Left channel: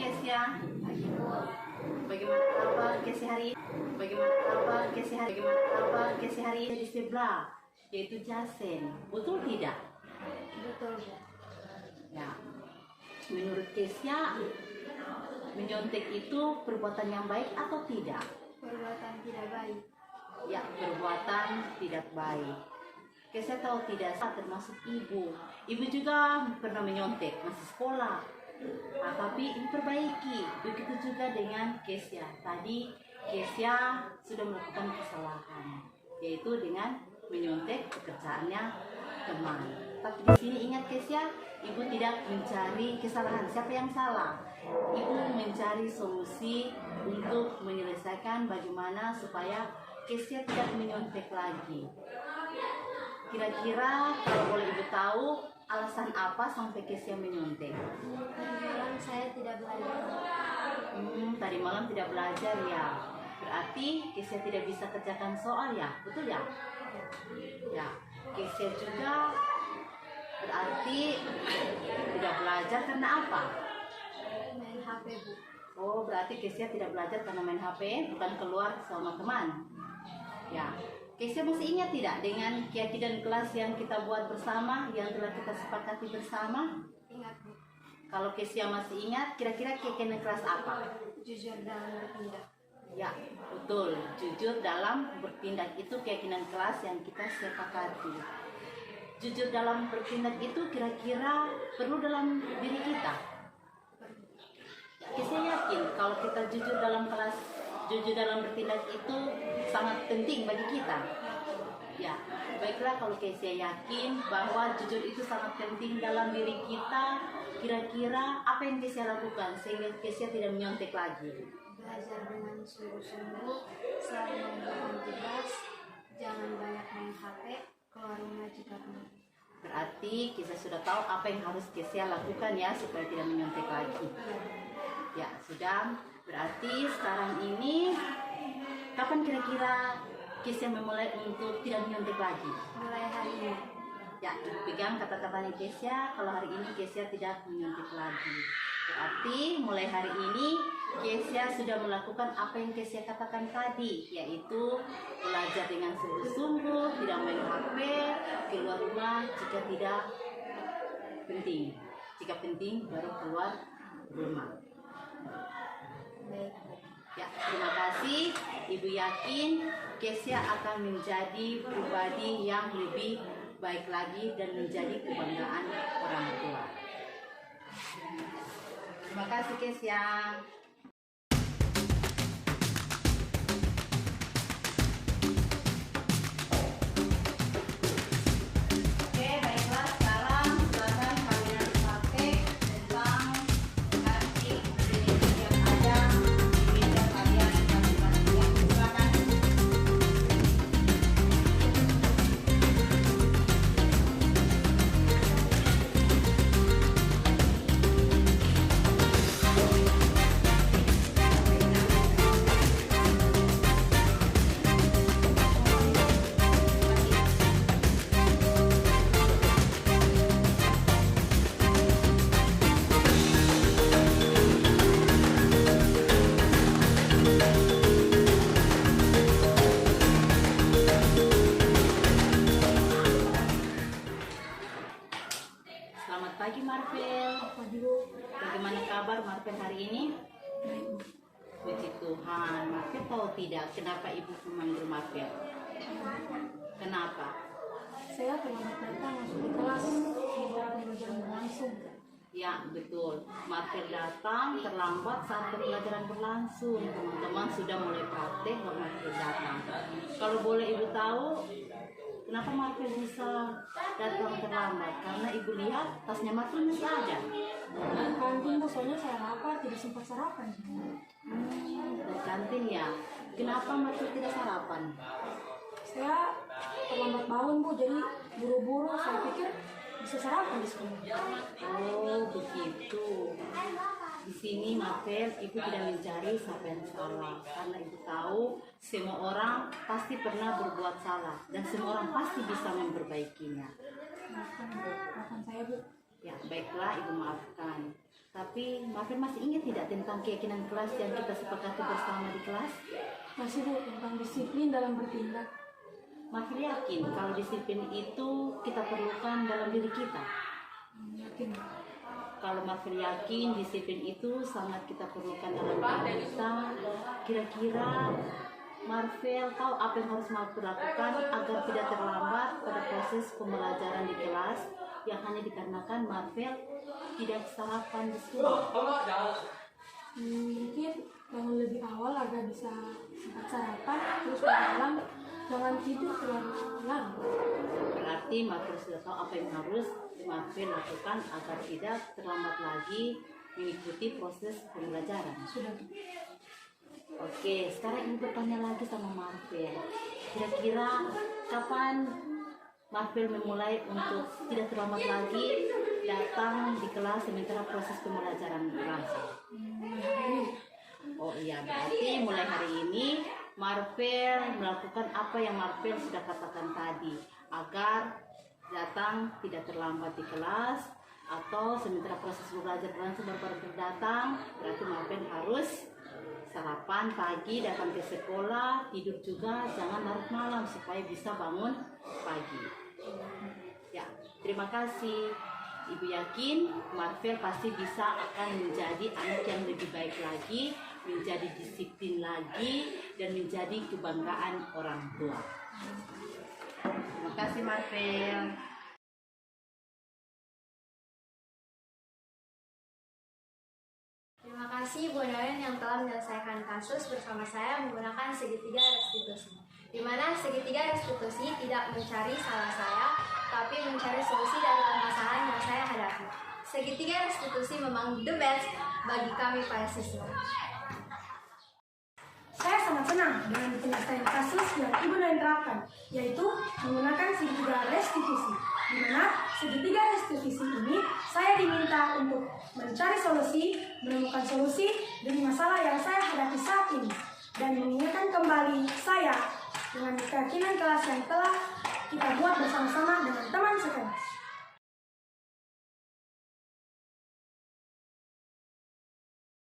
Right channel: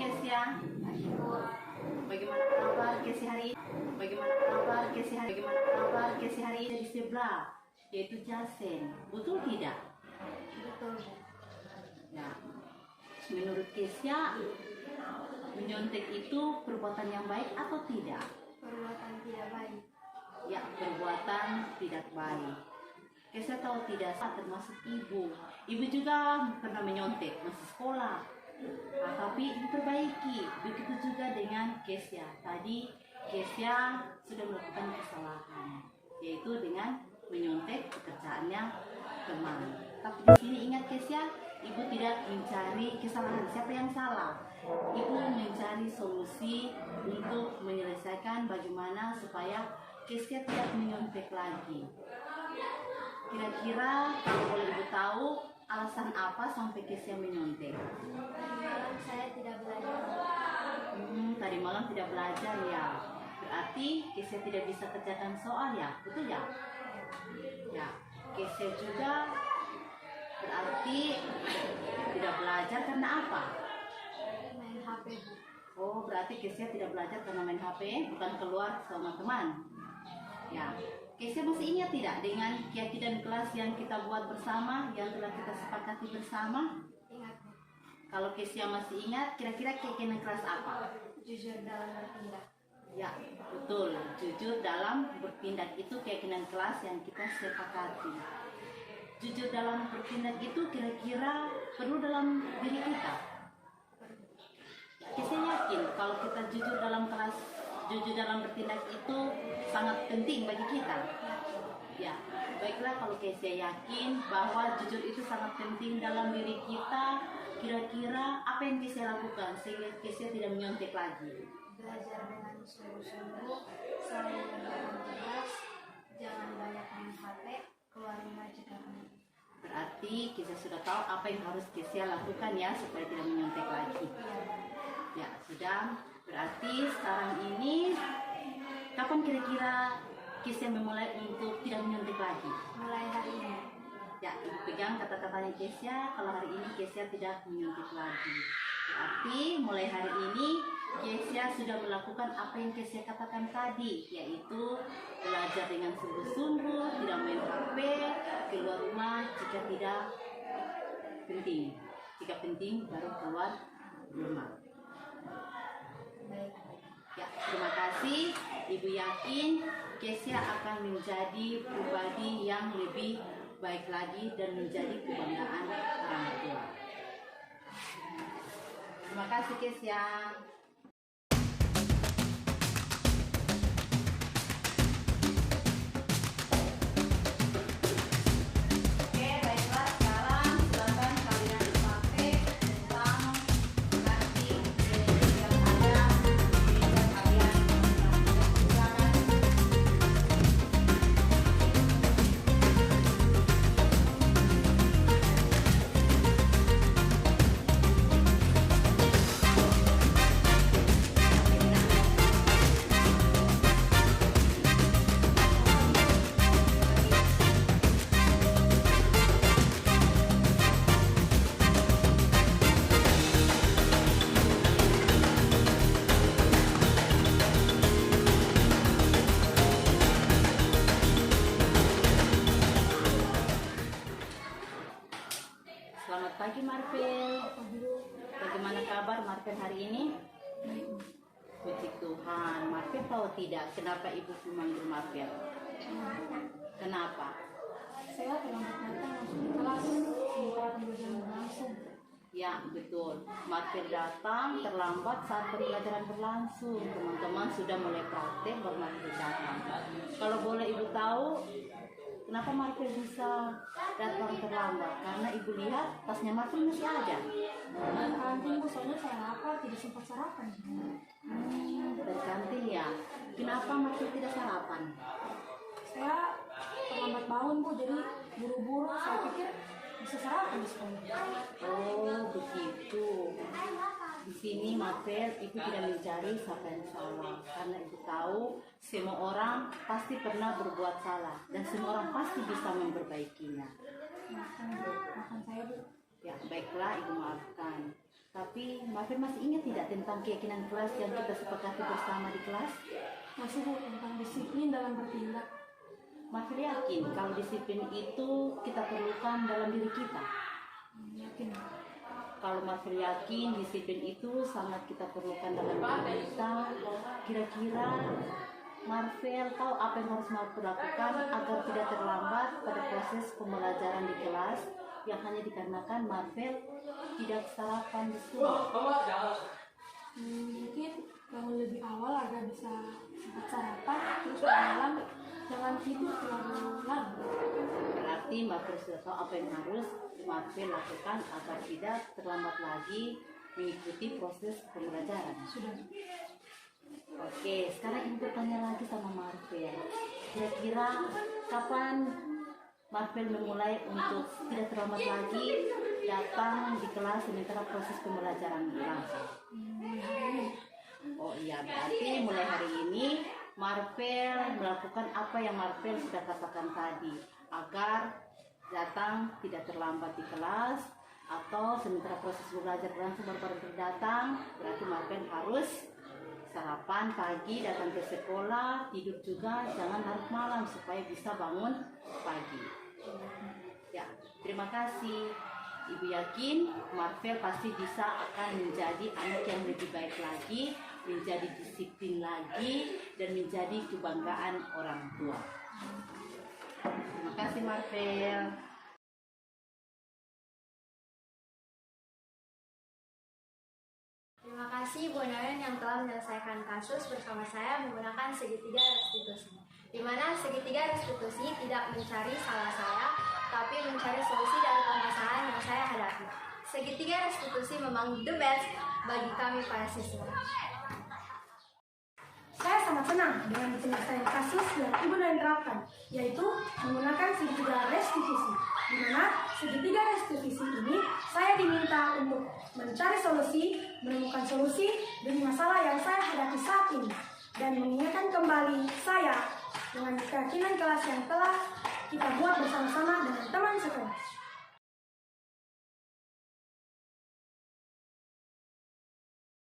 Kesia. Bagaimana kabar Kesia hari ini? Bagaimana kabar Kesia hari? Bagaimana kabar Kesia hari ini? Di sebelah, yaitu Jasen. Betul tidak? Betul. Ya. Menurut Kesia, menyontek itu perbuatan yang baik atau tidak? Perbuatan tidak baik. Ya, perbuatan tidak baik. Kesia tahu tidak, termasuk ibu. Ibu juga pernah menyontek masih sekolah. Nah, tapi diperbaiki. Begitu juga dengan Kesia. Tadi Kesia sudah melakukan kesalahan, yaitu dengan menyontek pekerjaannya teman. Tapi di sini ingat Kesia, ibu tidak mencari kesalahan. Siapa yang salah? Ibu mencari solusi untuk menyelesaikan bagaimana supaya Kesia tidak menyontek lagi. Kira-kira kalau boleh ibu tahu alasan apa sampai Kesia menyontek? Tadi malam saya tidak belajar. Tadi malam tidak belajar ya. Berarti Kesia tidak bisa kerjakan soal ya, betul ya? Ya, Kesia juga berarti tidak belajar karena apa? Main HP, Bu. Oh, berarti Kesia tidak belajar karena main HP, bukan keluar sama teman. Ya, Kesia masih ingat tidak dengan keyakinan kelas yang kita buat bersama, yang telah kita sepakati bersama? Ingat, Bu. Kalau Kesia masih ingat, kira-kira keyakinan kelas apa? Jujur dalam bertindak. Ya, betul. Jujur dalam bertindak itu keyakinan kelas yang kita sepakati. Jujur dalam bertindak itu kira-kira perlu dalam diri kita. Kesia yakin kalau kita jujur dalam kelas, jujur dalam bertindak itu sangat penting bagi kita. Ya, baiklah kalau Kesia yakin bahwa jujur itu sangat penting dalam diri kita, kira-kira apa yang Kesia lakukan sehingga Kesia tidak menyontek lagi? Belajar dengan sungguh-sungguh, selalu membuat tugas, jangan banyak main HP, keluar rumah jika perlu. Berarti Kesia sudah tahu apa yang harus Kesia lakukan ya supaya tidak menyontek lagi. Ya, sudah. Berarti sekarang ini kapan kira-kira Kesia memulai untuk tidak menyontek lagi? Mulai hari ini. Ya, pegang kata-katanya Kesia, kalau hari ini Kesia tidak menyontek lagi. Berarti mulai hari ini Kesia sudah melakukan apa yang Kesia katakan tadi, yaitu belajar dengan sungguh-sungguh, tidak main HP, keluar rumah jika tidak penting. Jika penting baru keluar rumah. Baik. Ya, terima kasih. Ibu yakin Kesia akan menjadi pribadi yang lebih baik lagi dan menjadi kebanggaan orang tua. Terima kasih Kesia. Oke, baiklah sekarang silakan kalian praktek tentang ganti yang ada di meja kalian masing-masing. Silakan. Selamat pagi Marvel. Bagaimana kabar Marvel hari ini? Puji Tuhan. Marvel tahu tidak kenapa ibu memanggil Marvel? Kenapa? Saya terlambat datang masuk di kelas sementara pembelajaran berlangsung. Ya betul. Marvel datang terlambat saat pembelajaran berlangsung. Teman-teman sudah mulai praktek baru Marvel datang. Kalau boleh ibu tahu, kenapa Marvel bisa datang terlambat? Karena ibu lihat tasnya Marvel masih ada. Kantin, Bu, soalnya saya lapar, tidak sempat sarapan. Dari kantin ya. Kenapa Marvel tidak sarapan? Saya terlambat bangun, Bu, jadi buru-buru. Saya pikir bisa sarapan di sekolah. Oh begitu. Di sini Marvel, ibu tidak mencari siapa yang salah karena ibu tahu semua orang pasti pernah berbuat salah dan semua orang pasti bisa memperbaikinya. Maafkan saya, Bu. Ya baiklah ibu maafkan. Tapi Marvel masih ingat tidak tentang keyakinan kelas yang kita sepakati bersama di kelas? Masih Bu, tentang disiplin dalam bertindak. Marvel yakin kalau disiplin itu kita perlukan dalam diri kita. Yakin. Kalau Marvel yakin disiplin itu sangat kita perlukan dalam diri kita, kira-kira Marvel tahu apa yang harus Marvel lakukan agar tidak terlambat pada proses pembelajaran di kelas yang hanya dikarenakan Marvel tidak sarapan di sekolah. Mungkin bangun lebih awal agar bisa sempat sarapan, terus malam jangan tidur terlalu lama. Berarti Marvel sudah tahu apa yang harus Marvel lakukan agar tidak terlambat lagi mengikuti proses pembelajaran. Sudah. Oke, sekarang ibu bertanya lagi sama Marvel. Kira-kira kapan Marvel memulai untuk tidak terlambat lagi datang di kelas sementara proses pembelajaran berlangsung? Oh iya, berarti mulai hari ini Marvel melakukan apa yang Marvel sudah katakan tadi, agar datang tidak terlambat di kelas, atau sementara proses belajar berlangsung baru datang, berarti Marvel harus sarapan pagi, datang ke sekolah, tidur juga jangan larut malam supaya bisa bangun pagi. Ya, terima kasih. Ibu yakin Marvel pasti bisa akan menjadi anak yang lebih baik lagi, menjadi disiplin lagi, dan menjadi kebanggaan orang tua. Terima kasih Marvel. Terima kasih Bu Naren yang telah menyelesaikan kasus bersama saya menggunakan segitiga restitusi. Di mana segitiga restitusi tidak mencari salah saya, tapi mencari solusi dari permasalahan yang saya hadapi. Segitiga restitusi memang the best bagi kami para siswa. Saya sangat senang dengan penyelesaian kasus yang Ibu Naren terapkan, yaitu menggunakan segitiga restitusi. Di mana segitiga restitusi ini saya diminta untuk mencari solusi, menemukan solusi dari masalah yang saya hadapi saat ini, dan mengingatkan kembali saya dengan keyakinan kelas yang telah kita buat bersama-sama dengan teman sekelas.